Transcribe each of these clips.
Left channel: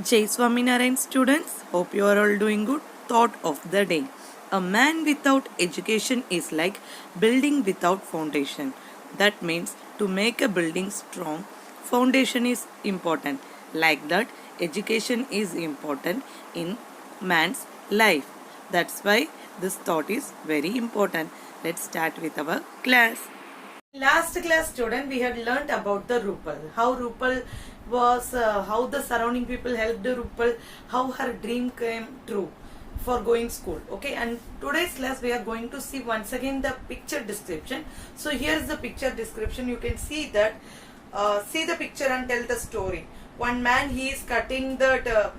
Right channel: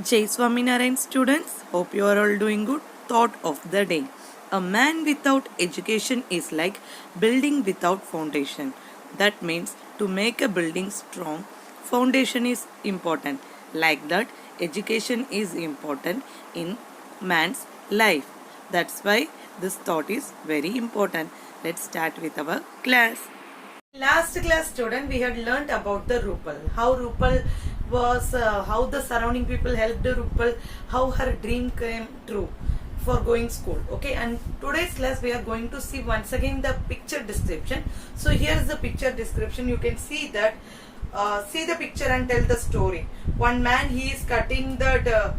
Jai Swaminarayan students, hope you are all doing good. Thought of the day. A man without education is like building without foundation. That means to make a building strong, foundation is important. Like that, education is important in man's life. That's why this thought is very important. Let's start with our class. Last class student we had learnt about the Rupal, how Rupal was, how the surrounding people helped Rupal, how her dream came true for going school. Okay, and today's class we are going to see once again the picture description. So here is the picture description. You can see that, see the picture and tell the story. One man, he is cutting the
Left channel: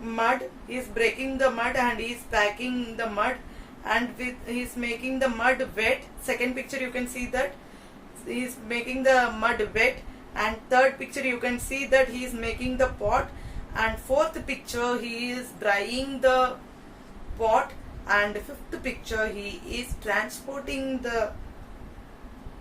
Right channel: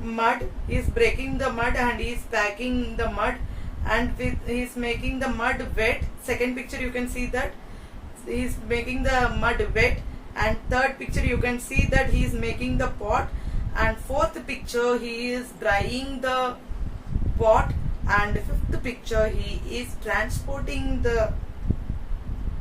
mud, he is breaking the mud and he is packing the mud, and he is making the mud wet. Second picture you can see that he is making the mud wet, and third picture you can see that he is making the pot, and fourth picture he is drying the pot, and fifth picture he is transporting the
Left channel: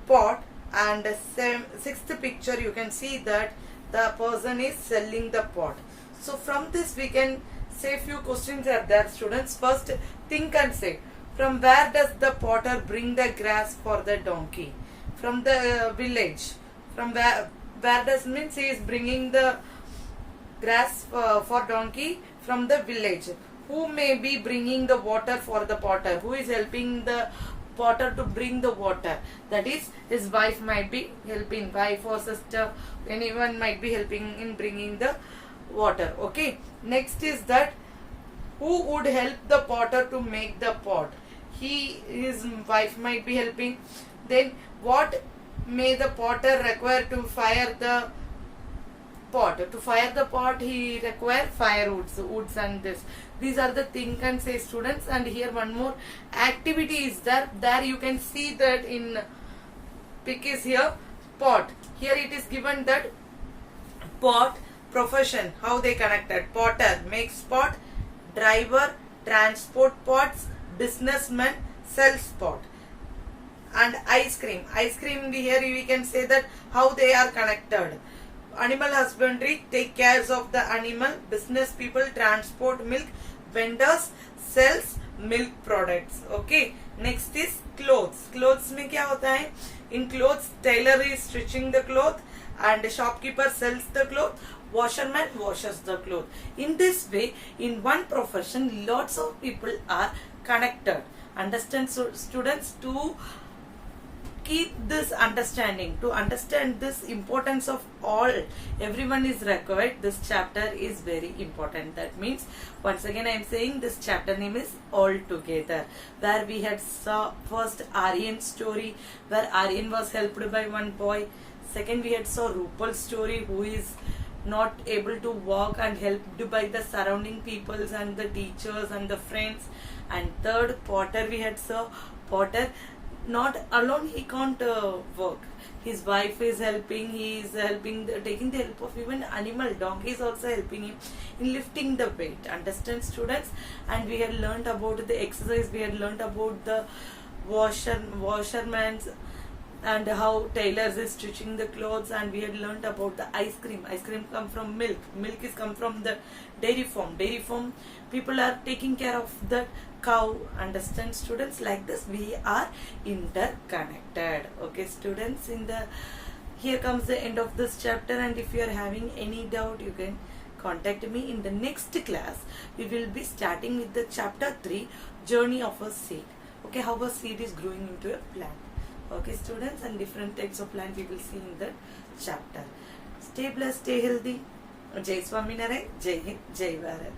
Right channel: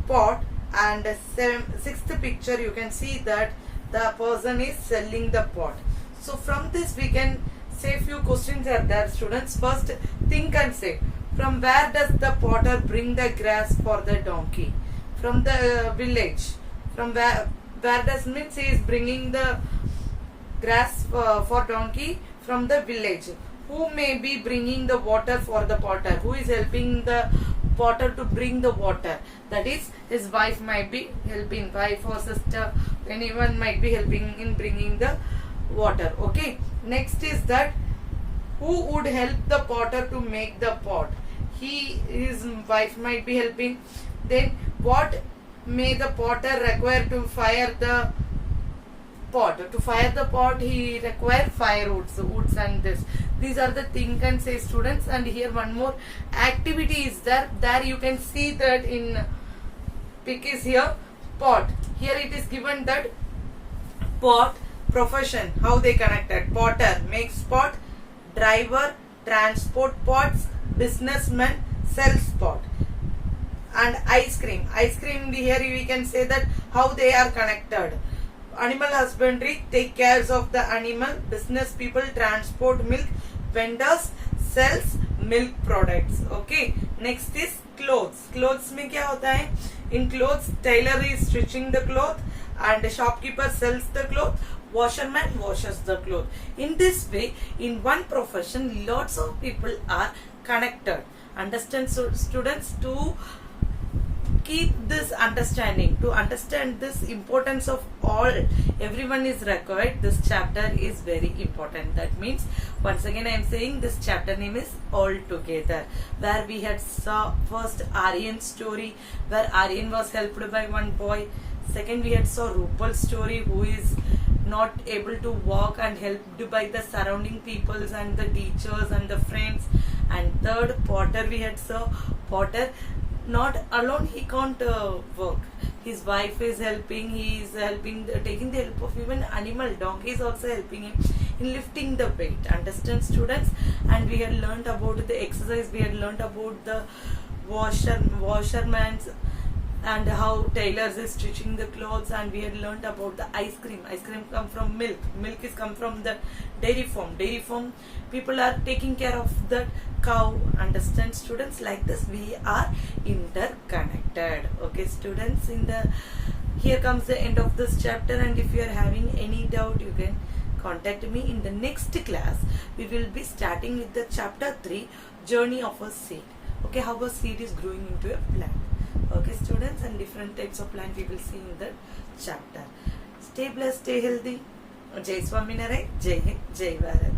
pot, and sixth picture you can see that the person is selling the pot. So from this we can say few questions are there, students. First, think and say, from where does the potter bring the grass for the donkey? From the village. From where does means he is bringing the grass for donkey from the village. Who may be bringing the water for the potter? Who is helping the potter to bring the water? That is, his wife might be helping, wife or sister, anyone might be helping in bringing the water. Okay, next is that who would help the potter to make the pot? His wife might be helping. Then what may the potter require to fire the pot? To fire the pot he require firewoods, woods, and this. These are the think and say, students. And here one more activity is there. There you can see that in pic is here pot. Here it is given that pot, profession, how they connected. Potter makes pot, driver transport pots, businessman sells pot. And ice cream here we can say that how they are connected. Animal husbandry take cares of the animal, business people transport milk, vendors sells milk products. Okay, next is clothes. Clothes में क्या होता है? In clothes, tailor is stitching the cloth, and shopkeeper sells the cloth, washerman washes the cloth. In this way, in one profession, lots of people are connected. Understand, so students, to keep this understanding, to understand this importance of all, everyone is required. This chapter is very important. That means, once again I am saying, this chapter name is All Together, where we had saw first Aryan story, where Aryan was helped by one boy. Second, we had saw Rupal's story, who is not able to walk and helped by the surrounding peoples and the teachers and the friends. And third, Potter, we had saw Potter not alone, he can't work. His wife is helping, he is helping, taking the help of even animal. Donkey is also helping him in lifting the weight. Understand, students? And we had learnt about the exercise, we had learnt about the washerman's, and how tailors is stitching the clothes, and we had learnt about the ice cream. Ice cream come from milk. Milk is come from the dairy farm. Dairy farm people are taking care of the cow. Understand, students? Like this we are interconnected. Okay, students, in the here comes the end of this chapter, and if you are having any doubt you can contact me. In the next class we will be starting with the chapter 3, journey of a seed. Okay, how a seed is growing into a plant. Okay, students, and different types of plant we will see in the chapter. Stay blessed, stay healthy. Jai Swaminarayan, Jai Hind, Jai Bharat.